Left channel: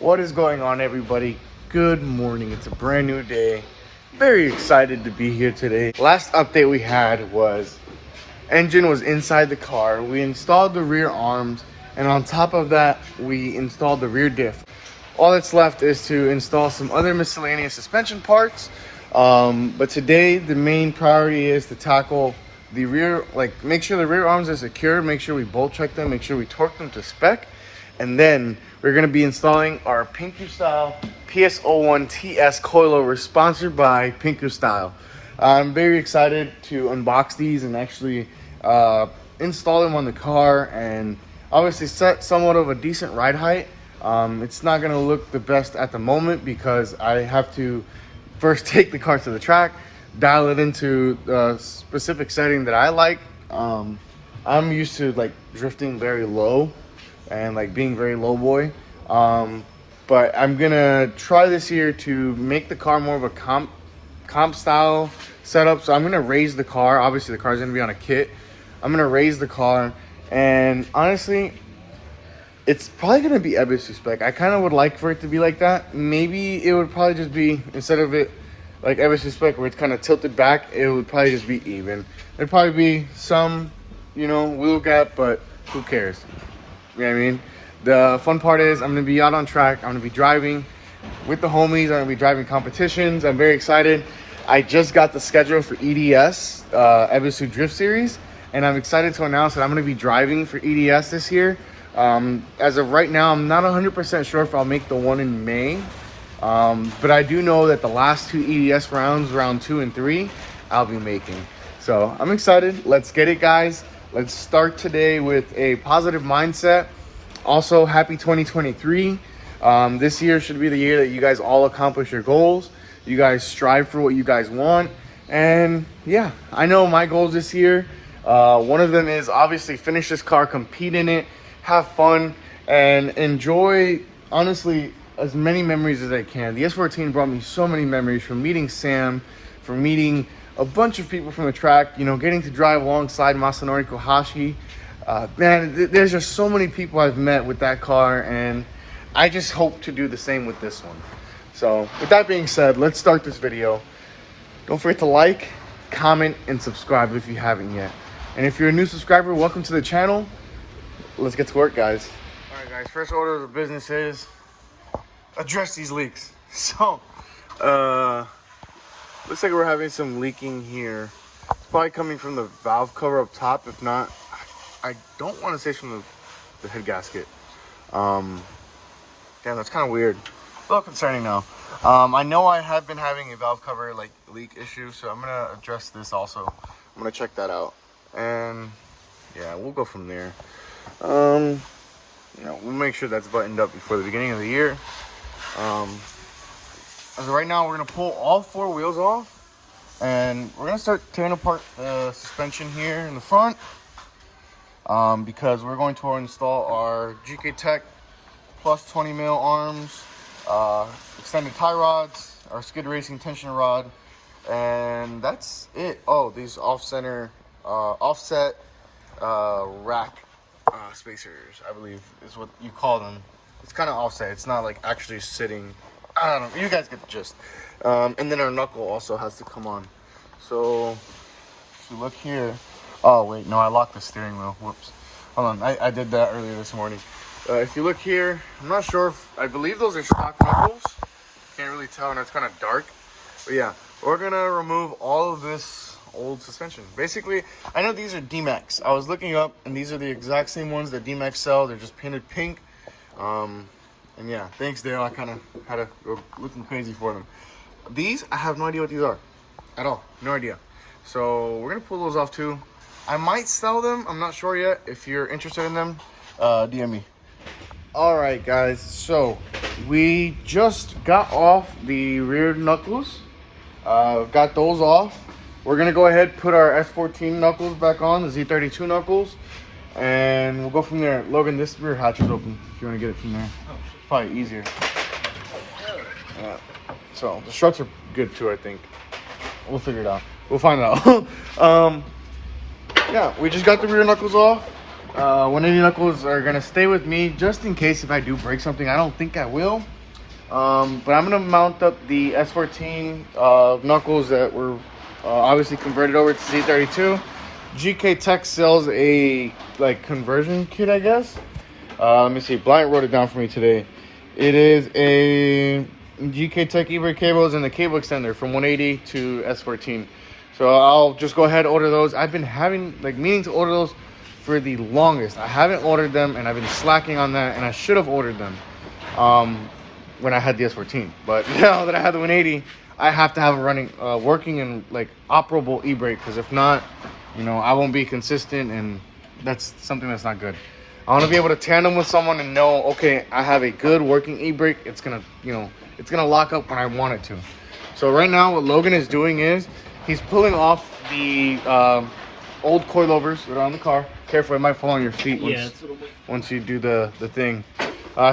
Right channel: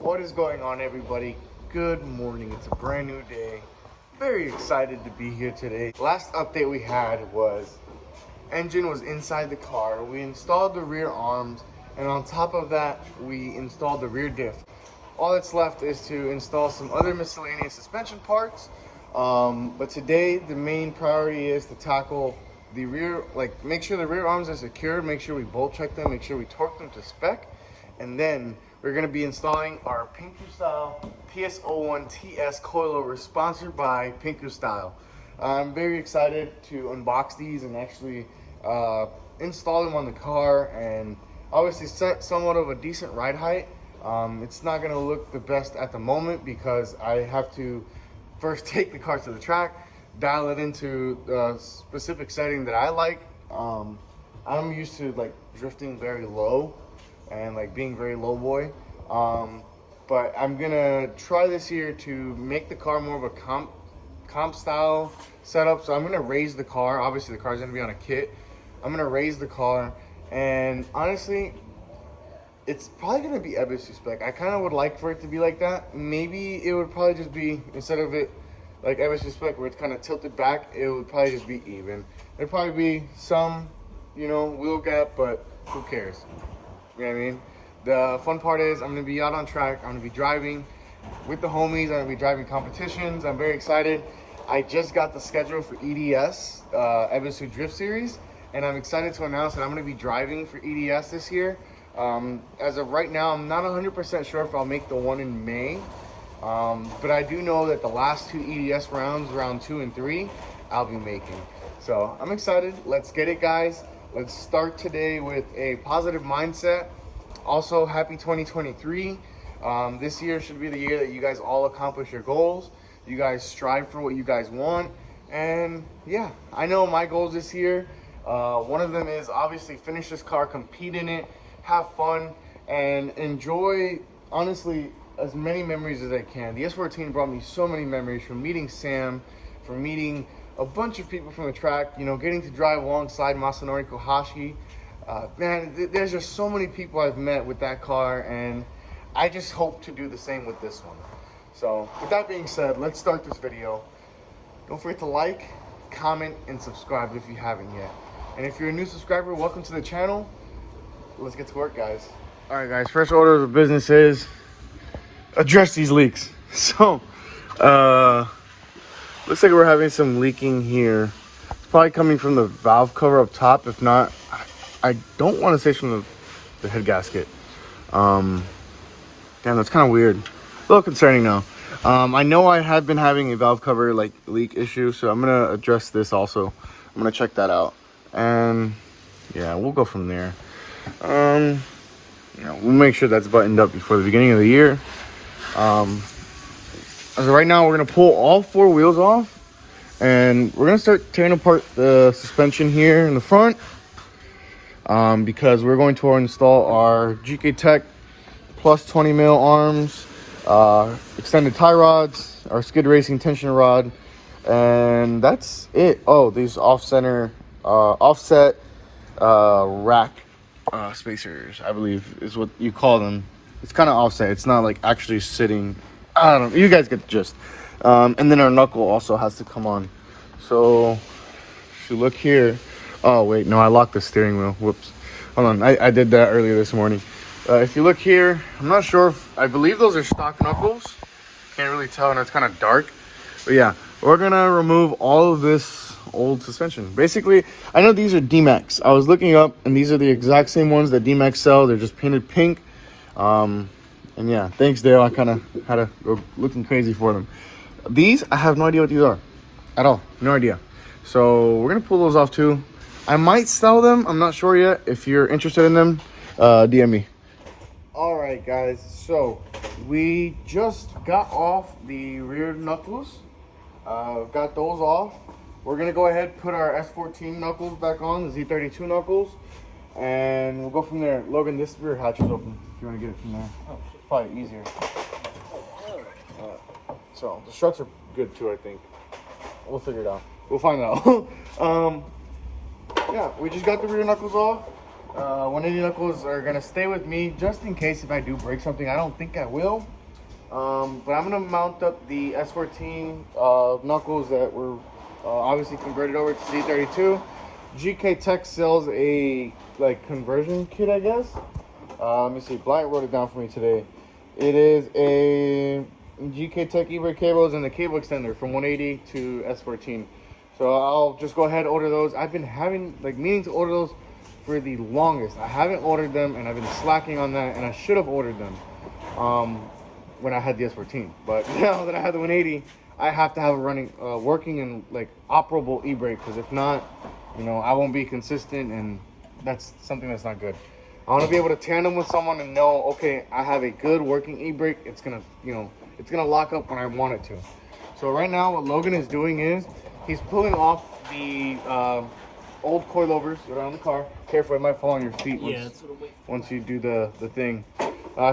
What is going on, everybody? Good morning. It's a brand new day. Very excited to be here today. Last update we had was engine was inside the car. We installed the rear arms, and on top of that we installed the rear diff. All that's left is to install some other miscellaneous suspension parts, but today the main priority is to tackle the rear, like make sure the rear arms are secure, make sure we bolt check them, make sure we torque them to spec, and then we're going to be installing our Pinker Style PS-01TS coilover, sponsored by Pinker Style. I'm very excited to unbox these and actually install them on the car, and obviously set somewhat of a decent ride height. It's not going to look the best at the moment because I have to first take the car to the track, dial it into the specific setting that I like. I'm used to like drifting very low and like being very low boy, but I'm gonna try this year to make the car more of a comp style setup. So I'm gonna raise the car. Obviously the car's gonna be on a kit. I'm gonna raise the car, and honestly it's probably gonna be Ebisu spec. I kind of would like for it to be like that. Maybe it would probably just be, instead of it like Ebisu spec where it's kind of tilted back, it would probably just be even. There'd probably be some, you know, wheel gap, but who cares? You know what I mean? The fun part is I'm gonna be out on track. I'm gonna be driving with the homies. I'm gonna be driving competitions. I'm very excited. I just got the schedule for EDS, Ebisu Drift Series, and I'm excited to announce that I'm gonna be driving for EDS this year. As of right now, I'm not 100% sure if I'll make the one in May, but I do know that the last two EDS rounds, round 2 and 3, I'll be making. So I'm excited. Let's get it, guys. Let's start today with a positive mindset. Also, happy 2023. This year should be the year that you guys all accomplish your goals. You guys strive for what you guys want. And yeah, I know my goals this year. One of them is obviously finish this car, compete in it, have fun, and enjoy, honestly, as many memories as I can. The S14 brought me so many memories, from meeting Sam, from meeting a bunch of people from the track, you know, getting to drive alongside Masanori Kohashi. Man, there's just so many people I've met with that car, and I just hope to do the same with this one. So with that being said, let's start this video. Don't forget to like, comment, and subscribe if you haven't yet. And if you're a new subscriber, welcome to the channel. Let's get to work, guys. All right, guys, first order of business is address these leaks. So looks like we're having some leaking here. It's probably coming from the valve cover up top. If not, I don't want to say from the head gasket. Damn, that's kind of weird. A little concerning now. I know I have been having a valve cover like leak issue, so I'm gonna address this also. I'm gonna check that out, and yeah, we'll go from there. You know, we'll make sure that's buttoned up before the beginning of the year. As of right now, we're gonna pull all 4 wheels off, and we're gonna start tearing apart the suspension here in the front, because we're going to install our GK Tech plus 20 mil arms, extended tie rods, our skid racing tension rod, and that's it. Oh, these offset rack spacers, I believe is what you call them. It's kind of offset. It's not like actually sitting. I don't know. You guys get the gist. And then our knuckle also has to come on. So if you look here, oh wait, no, I locked the steering wheel. Whoops. Hold on, I did that earlier this morning. If you look here, I'm not sure if, I believe those are stock knuckles. Can't really tell, and it's kind of dark. But yeah, we're gonna remove all of this old suspension. Basically, I know these are D-Max. I was looking up, and these are the exact same ones that D-Max sell. They're just painted pink. And yeah, thanks Dale. I kind of had to go looking crazy for them. These, I have no idea what these are at all. No idea. So we're gonna pull those off too. I might sell them. I'm not sure yet. If you're interested in them, DM me. All right, guys. So we just got off the rear knuckles. Got those off. We're gonna go ahead, put our S14 knuckles back on, the Z32 knuckles, and we'll go from there. Logan, this rear hatch is open if you want to get it from there. Probably easier. So the struts are good too, I think. We'll figure it out. We'll find out. Yeah, we just got the rear knuckles off. 180 knuckles are gonna stay with me just in case if I do break something. I don't think I will. But I'm gonna mount up the S14 knuckles that were obviously converted over to C32. GK Tech sells a like conversion kit, I guess. Let me see. Bryant wrote it down for me today. It is a GK Tech e-brake cables and the cable extender from 180 to S14. So I'll just go ahead and order those. I've been having like meaning to order those for the longest. I haven't ordered them and I've been slacking on that, and I should have ordered them when I had the S14. But now that I have the 180, I have to have a running, working and like operable e-brake, because if not, you know, I won't be consistent, and that's something that's not good. I want to be able to tandem with someone and know, okay, I have a good working e-brake. It's gonna, you know, it's gonna lock up when I want it to. So right now, what Logan is doing is he's pulling off the old coilovers that are on the car. Careful, it might fall on your feet once you do the thing.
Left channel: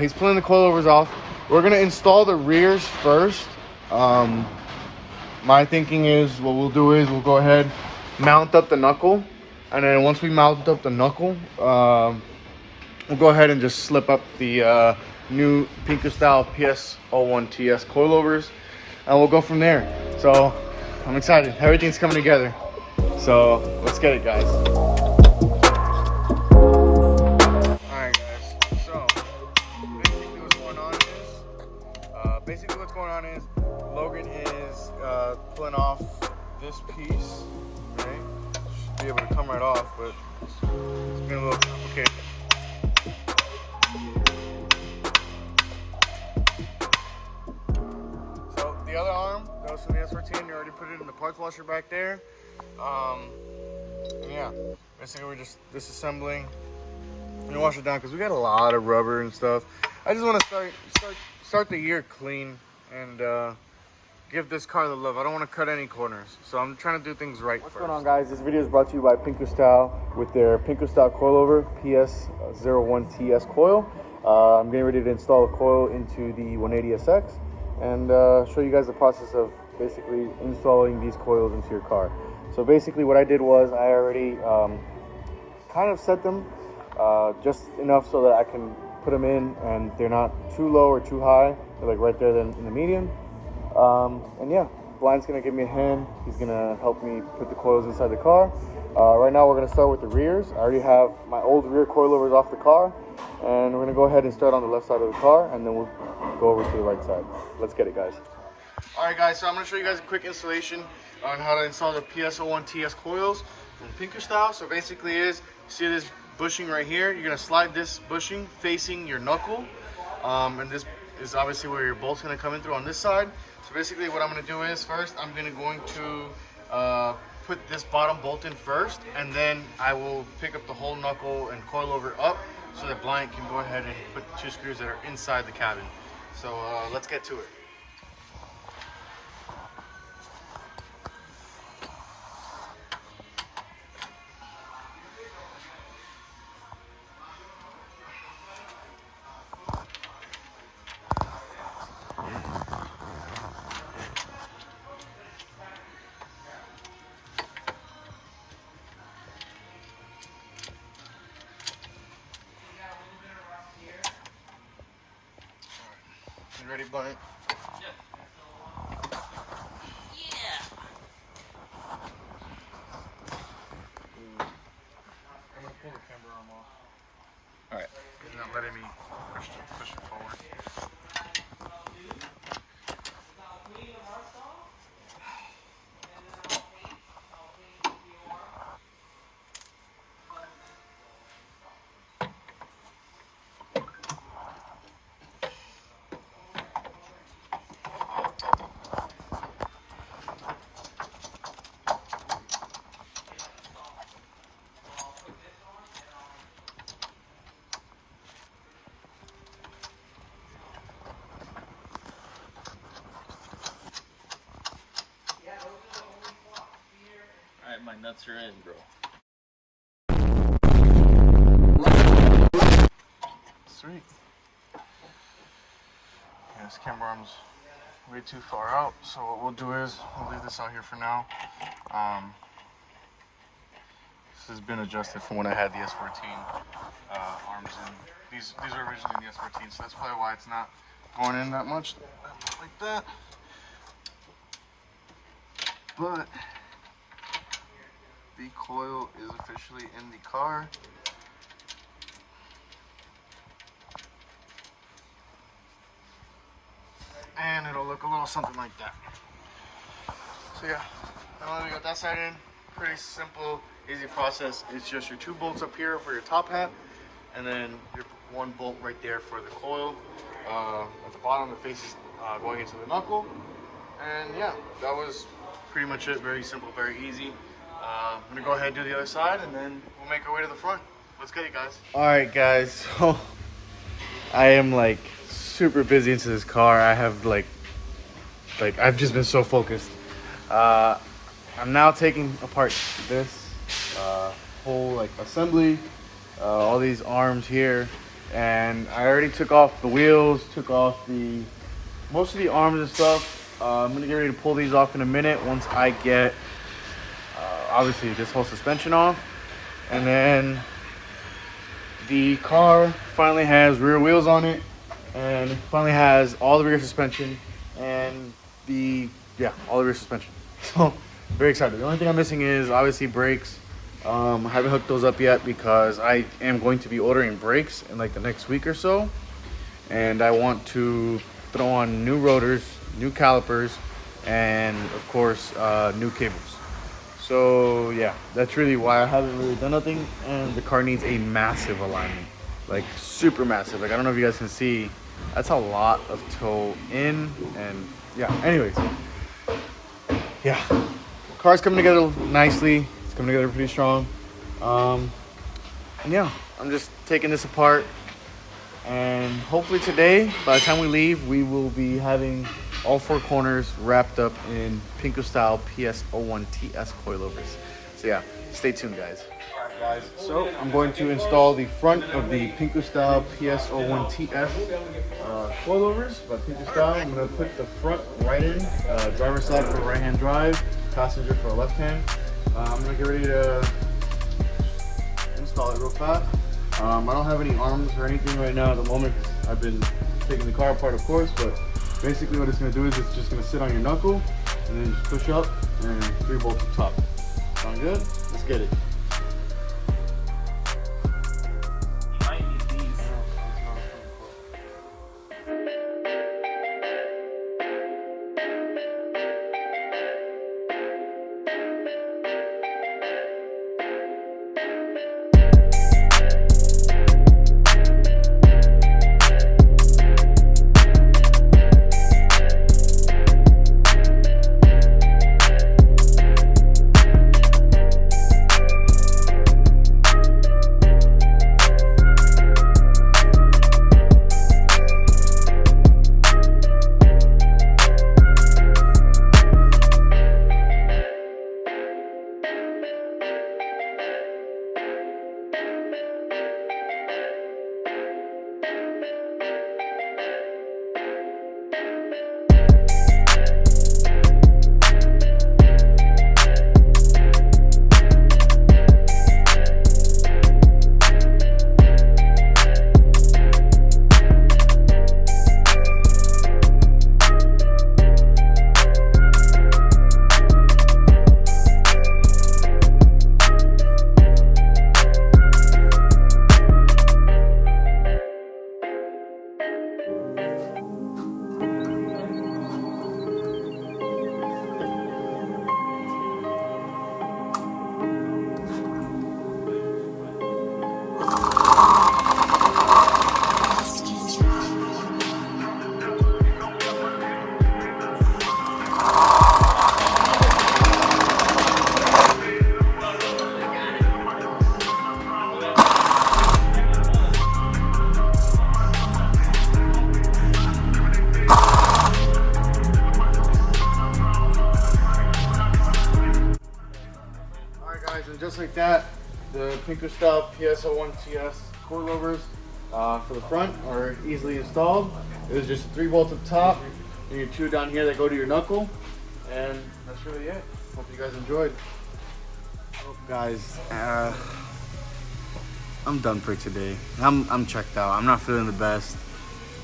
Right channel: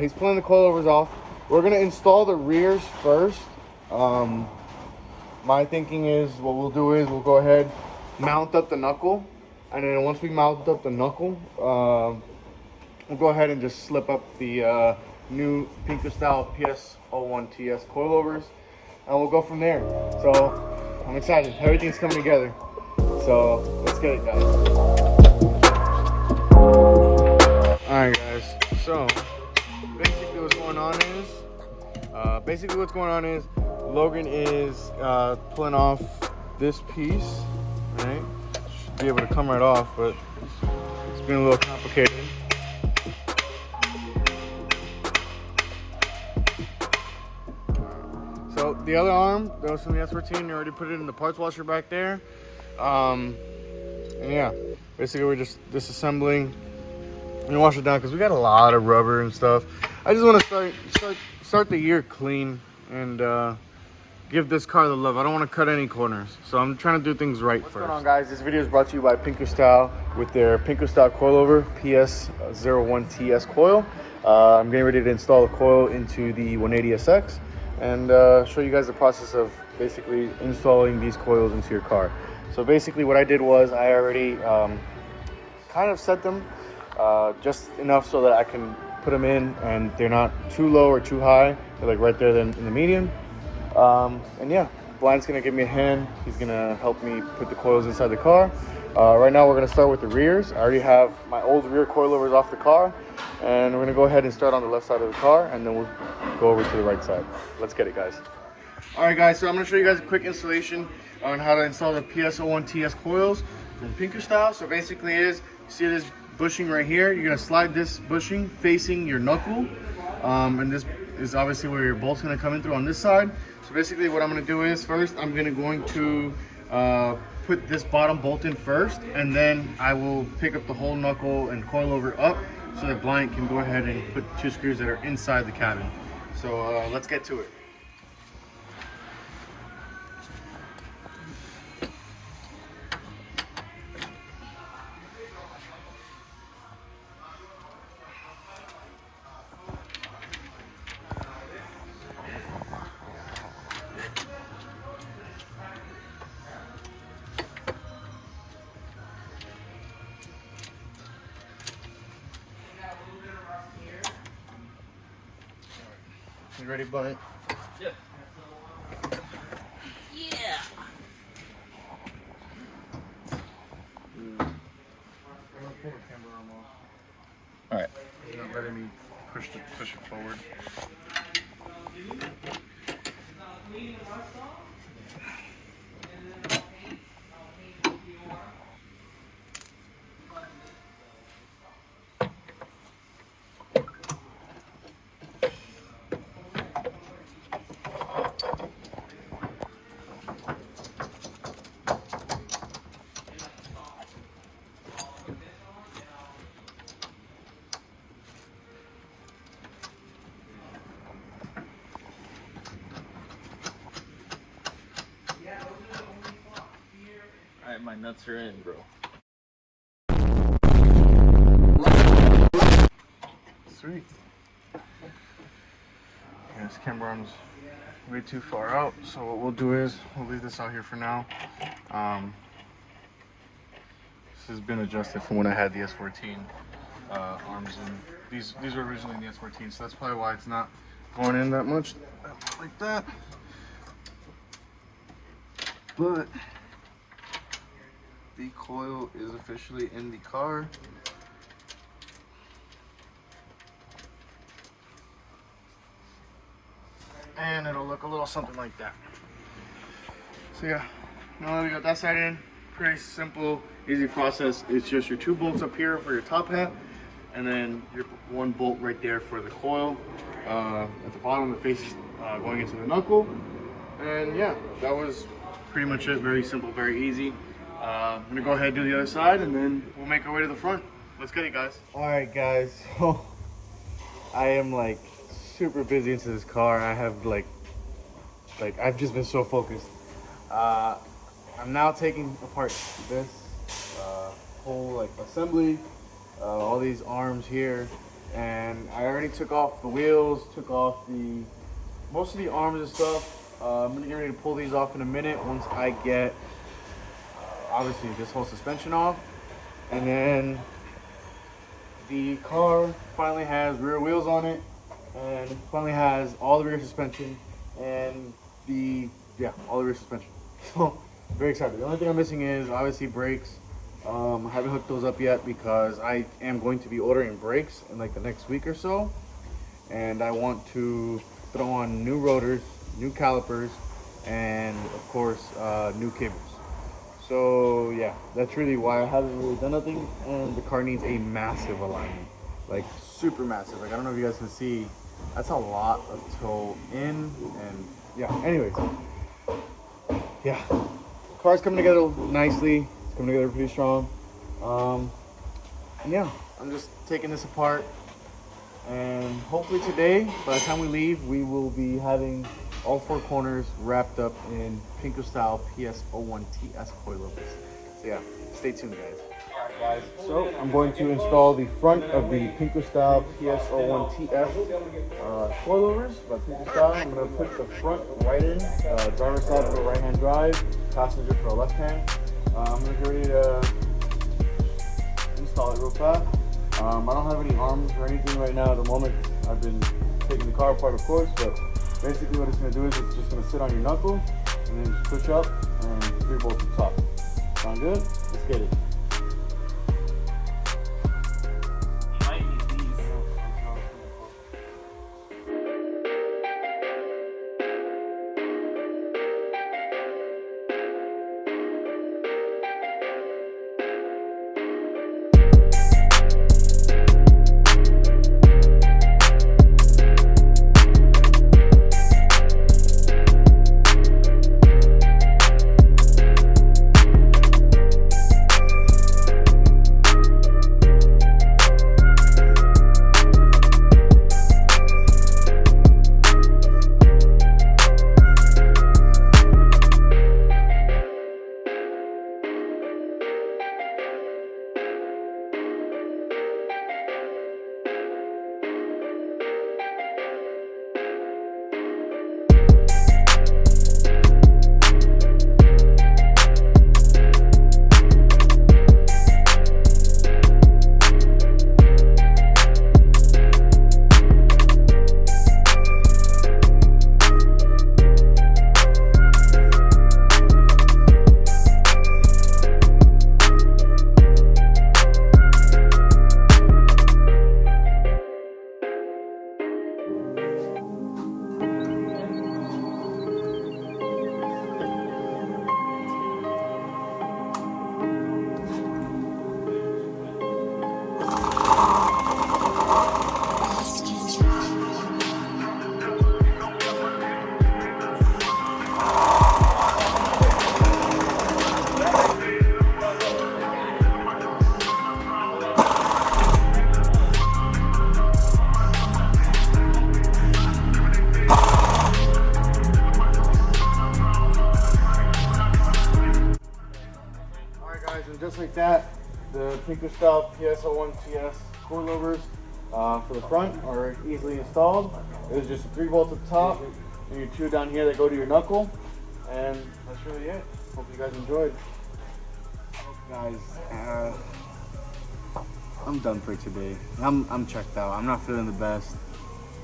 He's pulling the coilovers off. We're gonna install the rears first. My thinking is what we'll do is we'll go ahead, mount up the knuckle, and then once we mount up the knuckle, we'll go ahead and just slip up the new Pinko style PS-01TS coilovers, and we'll go from there. So I'm excited. Everything's coming together. So let's get it, guys. Alright guys, so basically what's going on is Logan is pulling off this piece, right? Should be able to come right off, but it's been a little complicated. So the other arm, that was from the S14, you already put it in the parts washer back there. And yeah, basically we're just disassembling and wash it down because we got a lot of rubber and stuff. I just want to start the year clean and give this car the love. I don't want to cut any corners, so I'm trying to do things right first. What's going on, guys? This video is brought to you by Pinko Style with their Pinko Style coilover PS-01TS coil. I'm getting ready to install the coil into the 180SX and show you guys the process of basically installing these coils into your car. So basically what I did was I already kind of set them just enough so that I can put them in and they're not too low or too high. They're like right there in the median. And yeah, Bryant's gonna give me a hand. He's gonna help me put the coils inside the car. Right now we're gonna start with the rears. I already have my old rear coilovers off the car, and we're gonna go ahead and start on the left side of the car, and then we'll go over to the right side. Let's get it, guys. All right, guys, so I'm gonna show you guys a quick installation on how to install the PS-01TS coils from Pinko Style. So basically is, see this bushing right here? You're gonna slide this bushing facing your knuckle, and this is obviously where your bolt's gonna come in through on this side. So basically what I'm gonna do is first I'm going to put this bottom bolt in first, and then I will pick up the whole knuckle and coilover up so that Bryant can go ahead and put two screws that are inside the cabin. So let's get to it. You ready, Bryant? Yeah. Yeah. All right. You're not letting me push it forward. Alright, my nuts are in, bro. Sweet. This camera arm's way too far out, so what we'll do is we'll leave this out here for now. has been adjusted from when I had the S14 arms in. These were originally in the S14, so that's probably why it's not going in that much like that. But the coil is officially in the car. And it'll look a little something like that. So yeah, now that we got that side in, pretty simple, easy process. It's just your 2 bolts up here for your top hat, and then your 1 bolt right there for the coil. At the bottom, the face is going into the knuckle. And yeah, that was pretty much it. Very simple, very easy. I'm gonna go ahead and do the other side, and then we'll make our way to the front. Let's get it, guys. All right, guys. So I am like super busy into this car. I have like I've just been so focused. I'm now taking apart this whole like assembly, all these arms here, and I already took off the wheels, took off most of the arms and stuff. I'm gonna get ready to pull these off in a minute once I get obviously this whole suspension off, and then the car finally has rear wheels on it, and finally has all the rear suspension and all the rear suspension. So very excited. The only thing I'm missing is obviously brakes. I haven't hooked those up yet because I am going to be ordering brakes in like the next week or so, and I want to throw on new rotors, new calipers, and of course new cables. So yeah, that's really why I haven't really done nothing. And the car needs a massive alignment, like super massive. Like I don't know if you guys can see, that's a lot of toe in. And yeah, anyways, yeah, the car's coming together nicely. It's coming together pretty strong. And yeah, I'm just taking this apart, and hopefully today, by the time we leave, we will be having all 4 corners wrapped up in Pinko style PS-01TS coilovers. So yeah, stay tuned, guys. All right, guys. So I'm going to install the front of the Pinko style PS-01TS coilovers by Pinko style. I'm going to put the front right in, driver's side for right-hand drive, passenger for left hand. I'm going to get ready to install it real fast. I don't have any arms or anything right now at the moment. I've been taking the car apart, of course, but basically what it's going to do is it's just going to sit on your knuckle and then just push up and 3 bolts on top. Sound good? Let's get it. Just like that, the Pinko style PS-01TS coilovers for the front are easily installed. It was just 3 bolts up top and your 2 down here that go to your knuckle, and that's really it. Hope you guys enjoyed. Guys, I'm done for today. I'm checked out. I'm not feeling the best.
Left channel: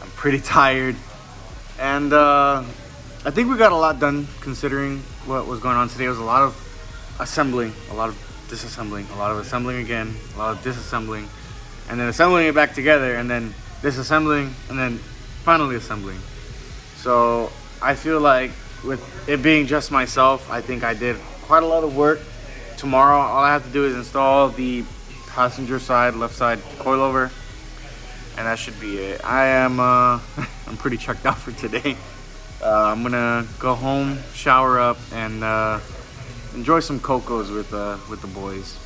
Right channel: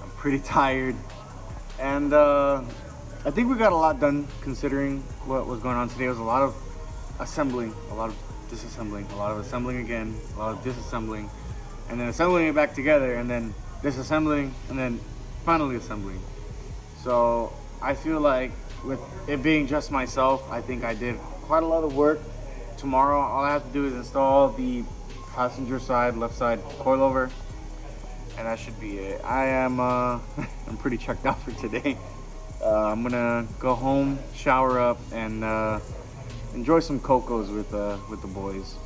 I'm pretty tired, and I think we got a lot done considering what was going on today. It was a lot of assembling, a lot of disassembling, a lot of assembling again, a lot of disassembling, and then assembling it back together, and then disassembling, and then finally assembling. So I feel like with it being just myself, I think I did quite a lot of work. Tomorrow, all I have to do is install the passenger side, left side coilover, and that should be it. I am, I'm pretty checked out for today. I'm gonna go home, shower up, and enjoy some cocos with the boys.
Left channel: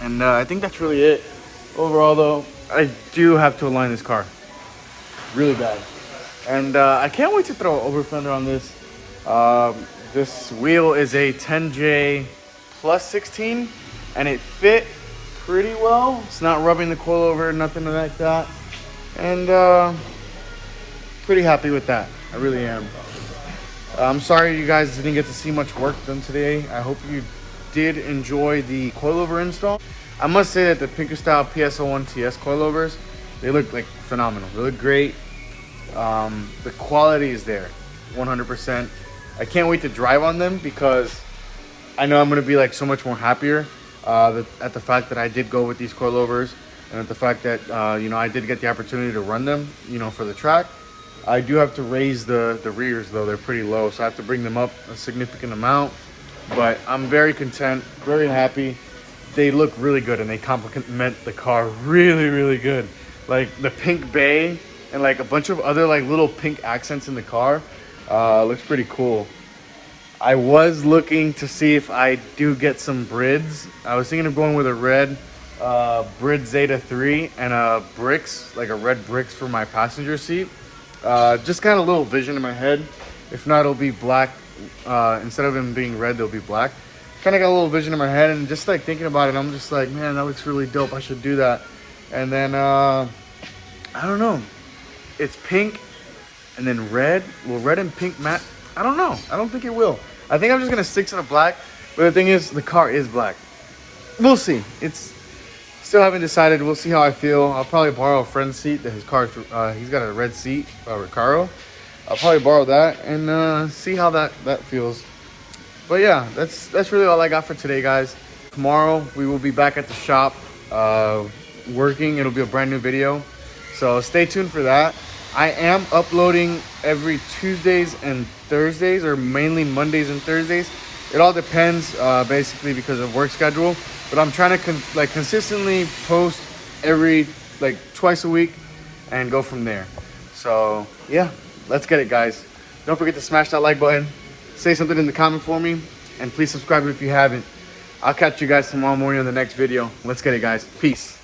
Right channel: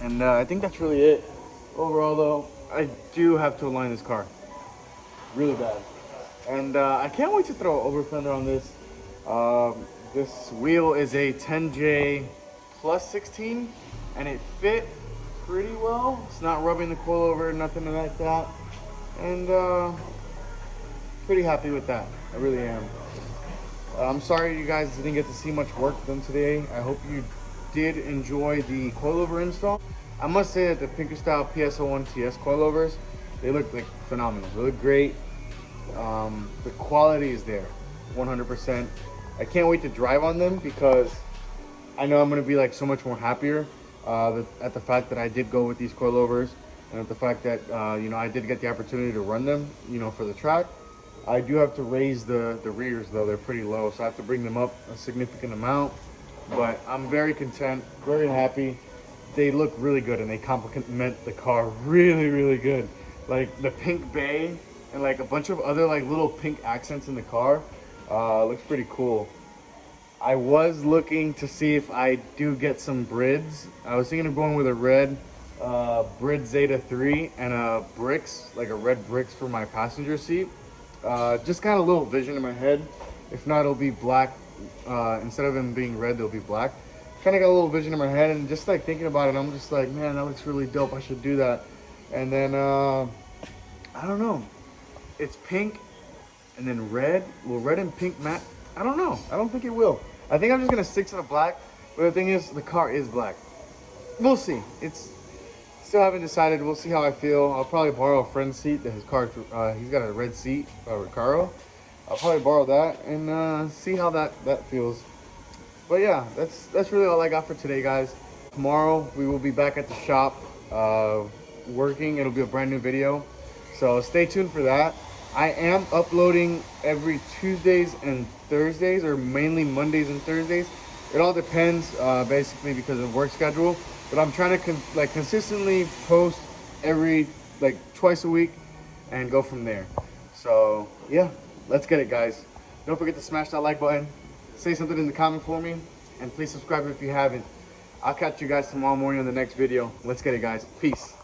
And I think that's really it. Overall, though, I do have to align this car really bad, and I can't wait to throw an over fender on this. This wheel is a 10J plus 16, and it fit pretty well. It's not rubbing the coilover, nothing like that, and pretty happy with that. I really am. I'm sorry you guys didn't get to see much work done today. I hope you did enjoy the coilover install. I must say that the Pinkerstyle PS-01TS coilovers, they look like phenomenal. They look great. The quality is there, 100%. I can't wait to drive on them because I know I'm gonna be like so much more happier at the fact that I did go with these coilovers, and at the fact that you know, I did get the opportunity to run them, you know, for the track. I do have to raise the rears though, they're pretty low, so I have to bring them up a significant amount, but I'm very content, very happy. They look really good and they complement the car really good. Like the pink bay and like a bunch of other like little pink accents in the car looks pretty cool. I was looking to see if I do get some brids. I was thinking of going with a red Brid Zeta 3 and a bricks, like a red bricks for my passenger seat. Just kind of a little vision in my head. If not, it'll be black. Instead of them being red, they'll be black. Kind of got a little vision in my head, and just like thinking about it, I'm just like, man, that looks really dope. I should do that. And then I don't know. It's pink and then red. Will red and pink matte? I don't know. I don't think it will. I think I'm just gonna stick to the black. But the thing is, the car is black. We'll see. It's still haven't decided. We'll see how I feel. I'll probably borrow a friend's seat. That his car, he's got a red seat, Recaro. I'll probably borrow that and see how that feels. But yeah, that's really all I got for today, guys. Tomorrow we will be back at the shop working. It'll be a brand new video, so stay tuned for that. I am uploading every Tuesdays and Thursdays, or mainly Mondays and Thursdays. It all depends, basically because of work schedule. But I'm trying to consistently post every twice a week and go from there. So yeah, let's get it, guys. Don't forget to smash that like button. Say something in the comment for me, and please subscribe if you haven't. I'll catch you guys tomorrow morning on the next video. Let's get it, guys. Peace.